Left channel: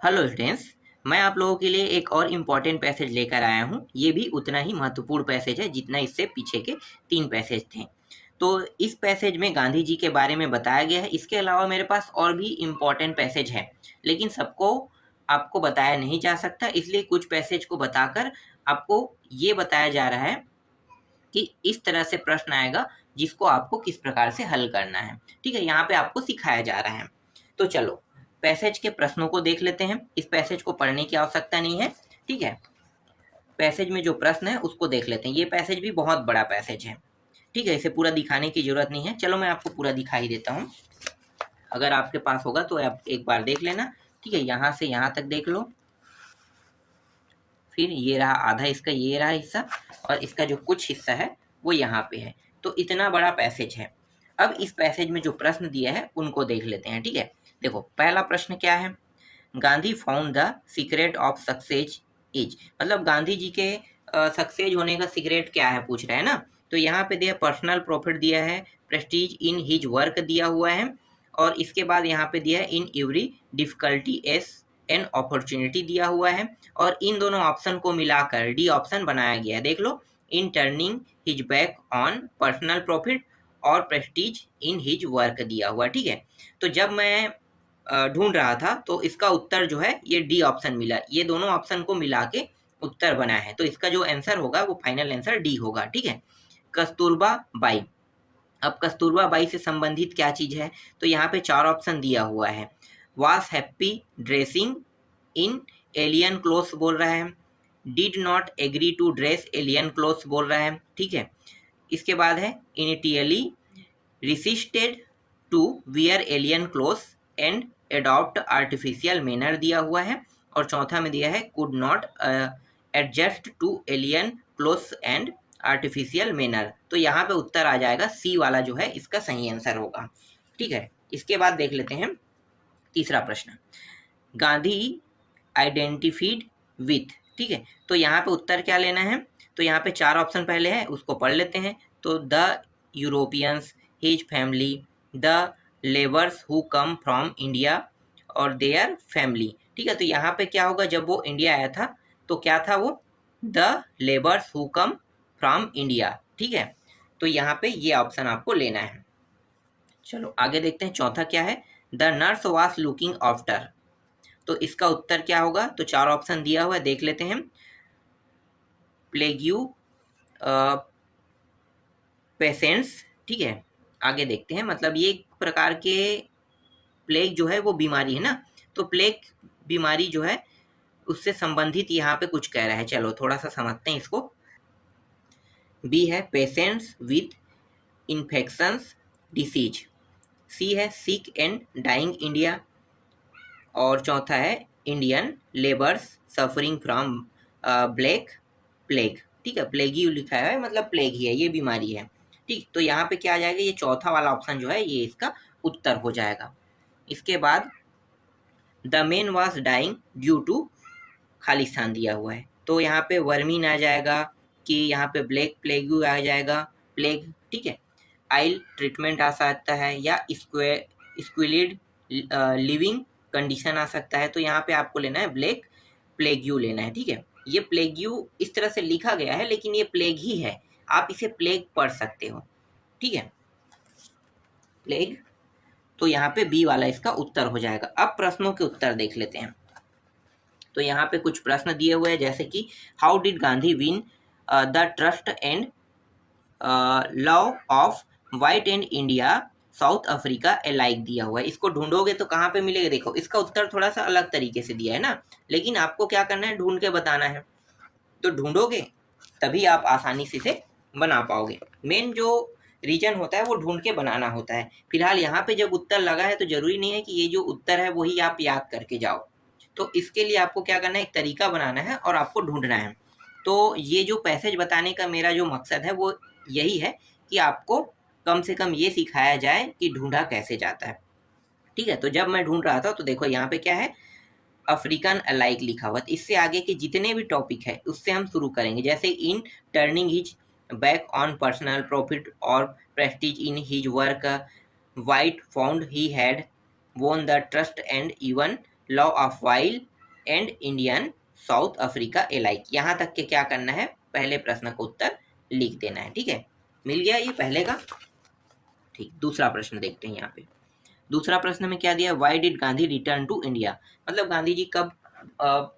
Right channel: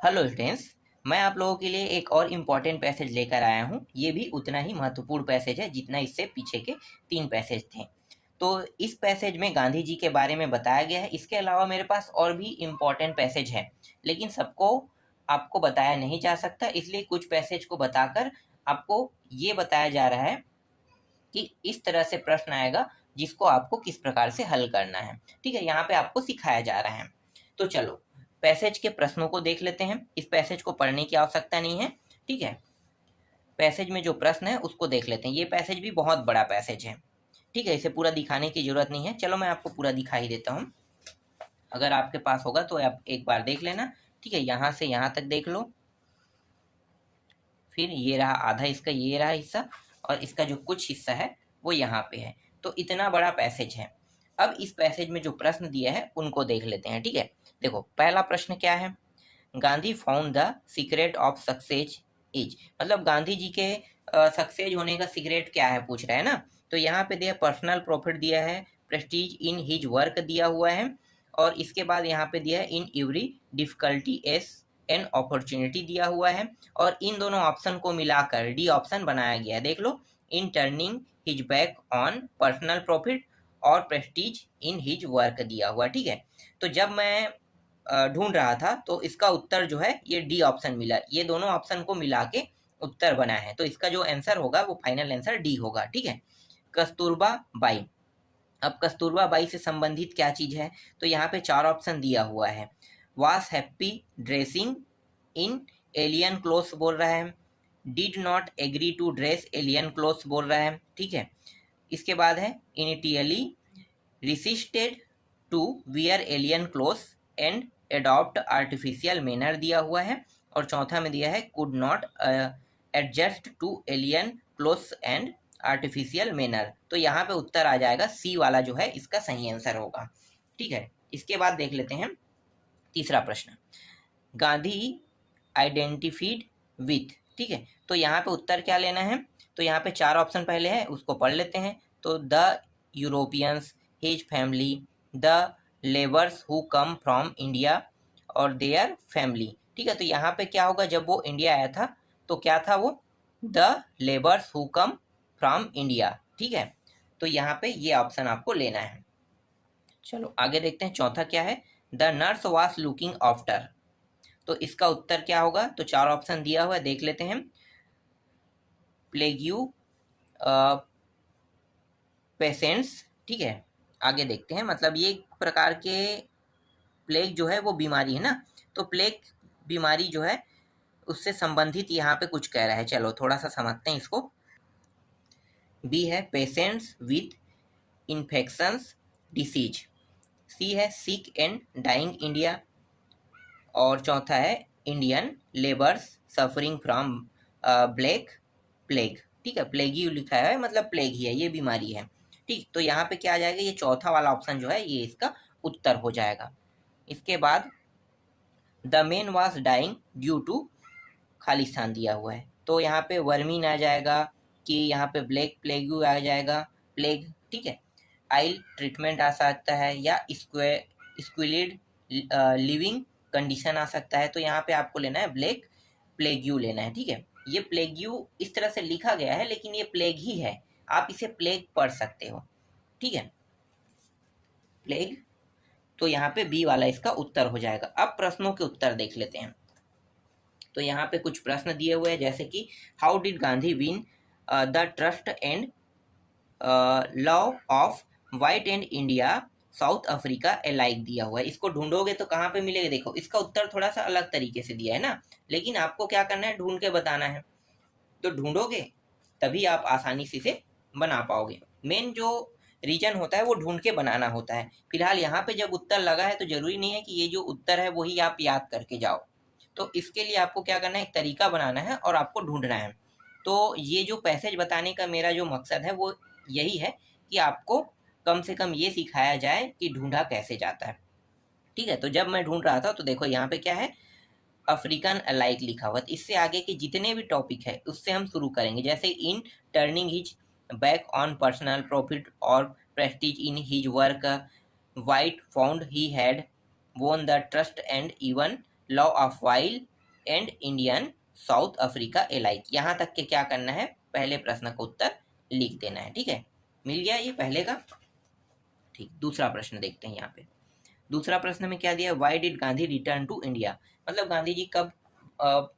Hello students, मैं आप लोगों के लिए एक और इम्पॉर्टेंट पैसेज लेकर आया हूँ। ये भी उतना ही महत्वपूर्ण पैसेज है जितना इससे पीछे के 3 पैसेज थे। तो इस पैसेज में गांधी जी के बारे में बताया गया है। इसके अलावा मेरे पास और भी इम्पॉर्टेंट पैसेज है, लेकिन सबको आपको बताया नहीं जा सकता, इसलिए कुछ पैसेज को बताकर आपको ये बताया जा रहा है कि इस तरह से प्रश्न आएगा जिसको आपको किस प्रकार से हल करना है। ठीक है, यहाँ पे आपको सिखाया जा रहा है। तो चलो पैसेज के प्रश्नों को देख लेते हैं। इस पैसेज को पढ़ने की आवश्यकता नहीं है। ठीक है, पैसेज में जो प्रश्न है उसको देख लेते हैं। ये पैसेज भी बहुत बड़ा पैसेज है। ठीक है, इसे पूरा दिखाने की जरूरत नहीं है। चलो मैं आपको पूरा दिखा ही देता हूँ। अगर आपके पास होगा तो आप एक बार देख लेना। ठीक है, यहाँ से यहाँ तक देख लो। फिर ये रहा आधा इसका, ये रहा हिस्सा, और इसका जो कुछ हिस्सा है वो यहाँ पे है। तो इतना बड़ा पैसेज है। अब इस पैसेज में जो प्रश्न दिया है उनको देख लेते हैं। ठीक है, देखो पहला प्रश्न क्या है। Gandhi found the secret of success is, मतलब गांधी जी के सक्सेस होने का सीक्रेट क्या है पूछ रहे हैं ना। तो यहाँ पे दिया पर्सनल प्रॉफिट दिया है, प्रेस्टीज इन हिज वर्क दिया हुआ है, और इसके बाद यहाँ पे दिया है in every difficulty S an opportunity दिया हुआ है, और इन दोनों ऑप्शन को मिलाकर डी ऑप्शन बनाया गया है। देख लो, in turning his back on personal profit और प्रेस्टीज इन हिज वर्क दिया हुआ। ठीक है, तो जब मैं ढूंढ रहा था तो इसका उत्तर जो है ये डी ऑप्शन मिला। ये दोनों ऑप्शन को मिला के उत्तर बना है, तो इसका जो आंसर होगा वो फाइनल आंसर डी होगा। ठीक है, कस्तूरबा बाई। अब कस्तूरबा बाई से संबंधित क्या चीज है, तो यहाँ पे 4 ऑप्शन दिया हुआ है। Was happy dressing in alien clothes बोल रहा है, did not agree to dress alien clothes बोल रहा है। ठीक है, इसके बाद है initially resisted to wear alien clothes and adopt artificial manner दिया हुआ है, और चौथा में दिया है could not adjust to alien clothes and artificial manner. तो यहाँ पे उत्तर आ जाएगा सी वाला जो है इसका सही आंसर होगा। ठीक है, इसके बाद देख लेते हैं तीसरा प्रश्न। Gandhi identified with. ठीक है, तो यहाँ पे उत्तर क्या लेना है, तो यहाँ पे 4 ऑप्शन पहले है उसको पढ़ लेते हैं। तो the Europeans, his family, the labours who come from India और देयर फैमिली। ठीक है, तो यहाँ पे क्या होगा, जब वो इंडिया आया था तो क्या था वो, the labours who come from India. ठीक है, तो यहाँ पे ये ऑप्शन आपको लेना है। चलो आगे देखते हैं, चौथा क्या है, the nurse was looking after. तो इसका उत्तर क्या होगा, तो 4 ऑप्शन दिया हुआ है, देख लेते हैं। प्लेग्यू, पेशेंट्स। ठीक है, आगे देखते हैं, मतलब ये एक प्रकार के प्लेग जो है वो बीमारी है ना, तो प्लेग बीमारी जो है उससे संबंधित यहाँ पे कुछ कह रहा है। चलो थोड़ा सा समझते हैं इसको। बी है पेशेंट्स विथ इन्फेक्शंस डिसीज, सी है सिक एंड डाइंग इंडिया, और चौथा है Indian labours suffering from black plague. ठीक है, प्लेग ही लिखा है, मतलब प्लेग ही है, ये बीमारी है। ठीक, तो यहाँ पे क्या आ जाएगा, ये चौथा वाला ऑप्शन जो है ये इसका उत्तर हो जाएगा। इसके बाद the man was dying due to, खाली स्थान दिया हुआ है, तो यहाँ पे वर्मीन आ जाएगा कि यहाँ पे ब्लैक प्लेग आ जाएगा, प्लेग। ठीक है, आइल ट्रीटमेंट आ सकता है, या स्क्विलिड लिविंग कंडीशन आ सकता है। तो यहाँ पे आपको लेना है ब्लैक प्लेग्यू लेना है। ठीक है, ये प्लेग्यू इस तरह से लिखा गया है लेकिन ये प्लेग ही है, आप इसे प्लेग पढ़ सकते हो। ठीक है, प्लेग, तो यहाँ पे बी वाला इसका उत्तर हो जाएगा। अब प्रश्नों के उत्तर देख लेते हैं। तो यहाँ पे कुछ प्रश्न दिए हुए हैं, जैसे कि how did Gandhi win the trust and love of white and India south Africa iliac दिया हुआ है। इसको ढूंढोगे तो कहाँ पे मिलेगा, देखो इसका उत्तर थोड़ा सा अलग तरीके से दिया है ना, लेकिन आपको क्या करना है, ढूंढ के बताना है। तो ढूंढोगे तभी आप आसानी से इसे बना पाओगे। मेन जो रीजन होता है वो ढूंढ के बनाना होता है। फिलहाल यहाँ पे जब उत्तर लगा है तो जरूरी नहीं है कि ये जो उत्तर है वही आप याद करके जाओ। तो इसके लिए आपको क्या करना है, एक तरीका बनाना है और आपको ढूंढना है। तो ये जो पैसेज बताने का मेरा जो मकसद है वो यही है कि आपको कम से कम ये सिखाया जाए कि ढूंढा कैसे जाता है। ठीक है, तो जब मैं ढूंढ रहा था तो देखो यहाँ पे क्या है, अफ्रीकन अलाइक लिखा हुआ। इससे आगे के जितने भी टॉपिक है उससे हम शुरू करेंगे, जैसे in turning his back on personal profit और prestige in his work, white found he had won the trust and even law of while and Indian South Africa alike. यहाँ तक के क्या करना है, पहले प्रश्न का उत्तर लिख देना है। ठीक है, मिल गया ये पहले का। ठीक, दूसरा प्रश्न देखते हैं यहाँ पे। दूसरा प्रश्न में क्या दिया, why did Gandhi return to India, मतलब गांधी जी कब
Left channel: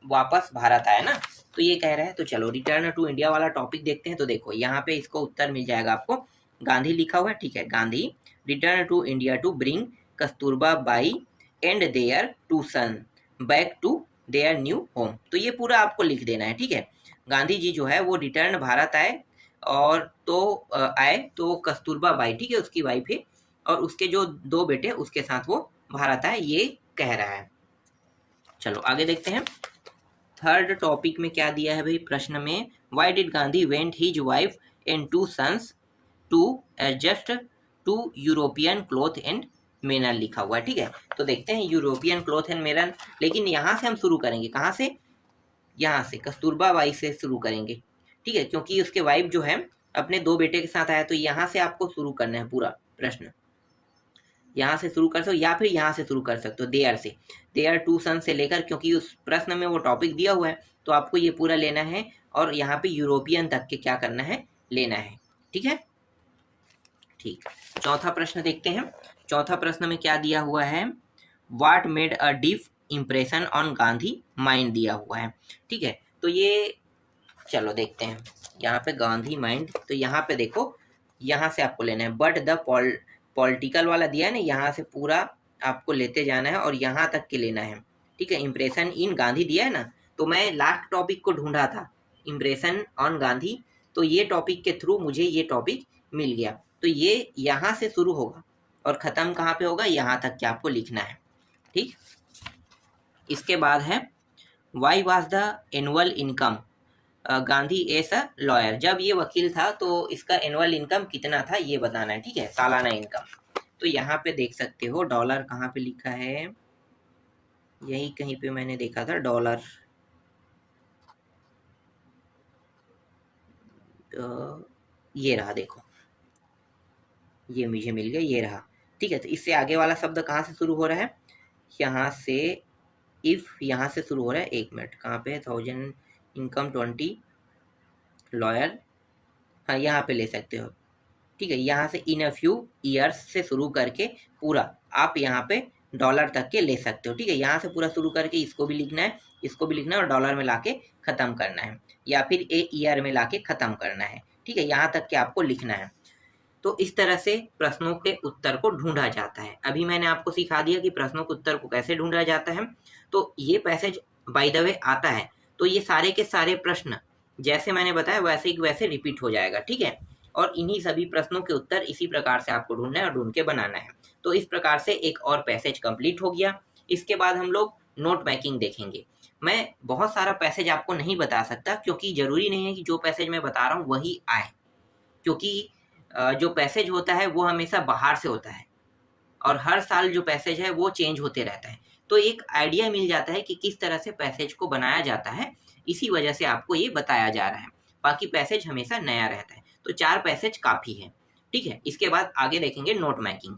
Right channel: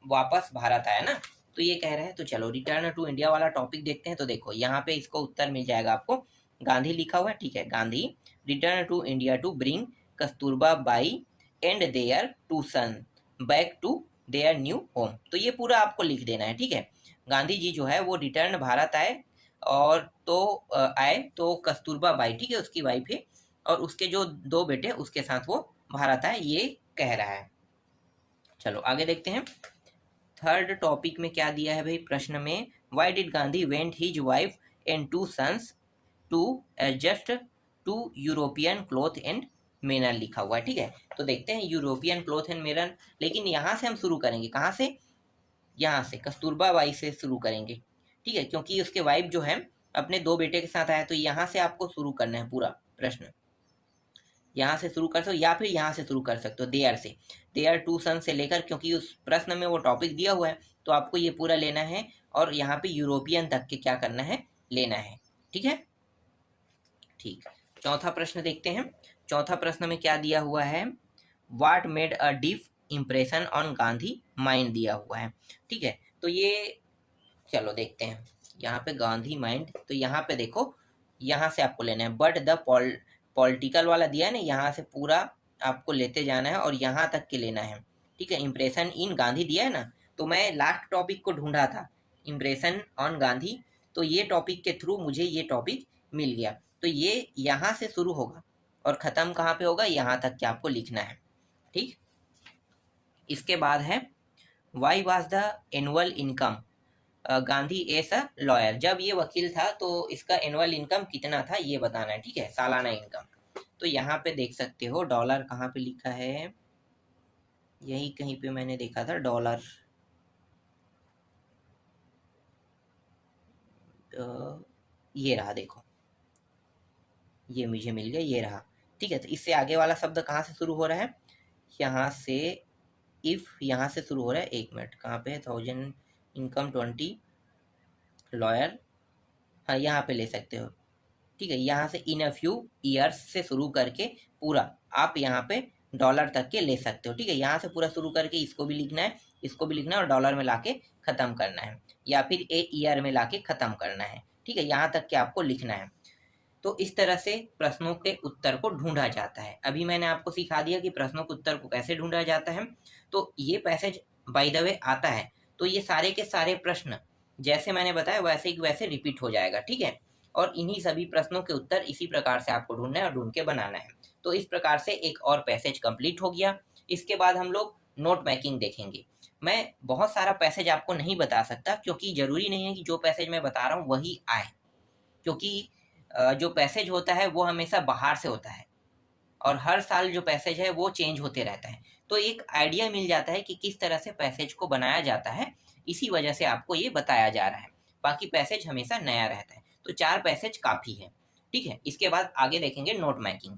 वापस भारत आया ना, तो ये कह रहा है। तो चलो रिटर्न टू इंडिया वाला टॉपिक देखते हैं। तो देखो यहाँ पे इसको उत्तर मिल जाएगा आपको, गांधी लिखा हुआ है। ठीक है, Gandhi return to India to bring Kasturba Bai and their two son back to their new home. तो ये पूरा आपको लिख देना है। ठीक है, गांधी जी जो है वो रिटर्न भारत आए, और तो आए तो कस्तूरबा बाई, ठीक है, उसकी वाइफ है, और उसके जो 2 बेटे उसके साथ वो भारत आए, ये कह रहा है। चलो आगे देखते हैं। थर्ड टॉपिक में क्या दिया है भाई प्रश्न में, why did Gandhi went his wife and 2 sons to adjust to European cloth and manner लिखा हुआ है। ठीक है, तो देखते हैं यूरोपियन क्लॉथ एंड मेनर, लेकिन यहाँ से हम शुरू करेंगे, कहाँ से, यहाँ से कस्तूरबा बाई से शुरू करेंगे। ठीक है, क्योंकि उसके वाइफ जो है अपने 2 बेटे के साथ आया, तो यहाँ से आपको शुरू करना है पूरा प्रश्न। यहाँ से शुरू कर सकते हो या फिर यहाँ से शुरू कर सकते हो, देयर से, देयर 2 सन से लेकर, क्योंकि उस प्रश्न में वो टॉपिक दिया हुआ है, तो आपको ये पूरा लेना है, और यहाँ पे यूरोपियन तक के क्या करना है, लेना है। ठीक है, ठीक। चौथा प्रश्न देखते हैं। चौथा प्रश्न में क्या दिया हुआ है, what made a deep impression on Gandhi mind दिया हुआ है। ठीक है, तो ये चलो देखते हैं यहाँ पे गांधी माइंड। तो यहाँ पे देखो, यहाँ से आपको लेना है, बट द पॉलिटिकल वाला दिया है ना, यहाँ से पूरा आपको लेते जाना है और यहाँ तक के लेना है। ठीक है, इम्प्रेशन इन गांधी दिया है ना, तो मैं लास्ट टॉपिक को ढूंढा था, इम्प्रेशन ऑन गांधी, तो ये टॉपिक के थ्रू मुझे ये टॉपिक मिल गया। तो ये यहाँ से शुरू होगा और ख़त्म कहाँ पे होगा, यहाँ तक के आपको लिखना है। ठीक, इसके बाद है why was the annual income Gandhi S a lawyer, जब ये वकील था तो इसका एनुअल इनकम कितना था ये बताना है। ठीक है, सालाना इनकम। तो यहाँ पे देख सकते हो डॉलर कहाँ पे लिखा है, यही कहीं पे मैंने देखा था डॉलर, ये रहा, देखो ये मुझे मिल गया, ये रहा। ठीक है, तो इससे आगे वाला शब्द कहाँ से शुरू हो रहा है, यहाँ से, इफ यहाँ से शुरू हो रहा है। 1 मिनट, कहाँ पे है, 1000 इनकम 20 लॉयर, हाँ यहाँ पे ले सकते हो। ठीक है, यहाँ से इन अ फ्यू ईयर्स से शुरू करके पूरा आप यहाँ पे डॉलर तक के ले सकते हो। ठीक है, यहाँ से पूरा शुरू करके इसको भी लिखना है, इसको भी लिखना है, और डॉलर में लाके ख़त्म करना है, या फिर ए ईयर में लाके ख़त्म करना है। ठीक है, यहाँ तक के आपको लिखना है। तो इस तरह से प्रश्नों के उत्तर को ढूंढा जाता है। अभी मैंने आपको सिखा दिया कि प्रश्नों के उत्तर को कैसे ढूंढा जाता है। तो ये पैसेज बाय द वे आता है, तो ये सारे के सारे प्रश्न जैसे मैंने बताया वैसे ही वैसे रिपीट हो जाएगा। ठीक है, और इन्हीं सभी प्रश्नों के उत्तर इसी प्रकार से आपको ढूंढना है और ढूंढ के बनाना है। तो इस प्रकार से एक और पैसेज कंप्लीट हो गया। इसके बाद हम लोग नोट मेकिंग देखेंगे। मैं बहुत सारा पैसेज आपको नहीं बता सकता, क्योंकि ज़रूरी नहीं है कि जो पैसेज मैं बता रहा हूँ वही आए, क्योंकि जो पैसेज होता है वो हमेशा बाहर से होता है, और हर साल जो पैसेज है वो चेंज होते रहता है। तो एक आइडिया मिल जाता है कि किस तरह से पैसेज को बनाया जाता है, इसी वजह से आपको ये बताया जा रहा है। बाकी पैसेज हमेशा नया रहता है। तो 4 पैसेज काफ़ी है। ठीक है, इसके बाद आगे देखेंगे नोट मेकिंग।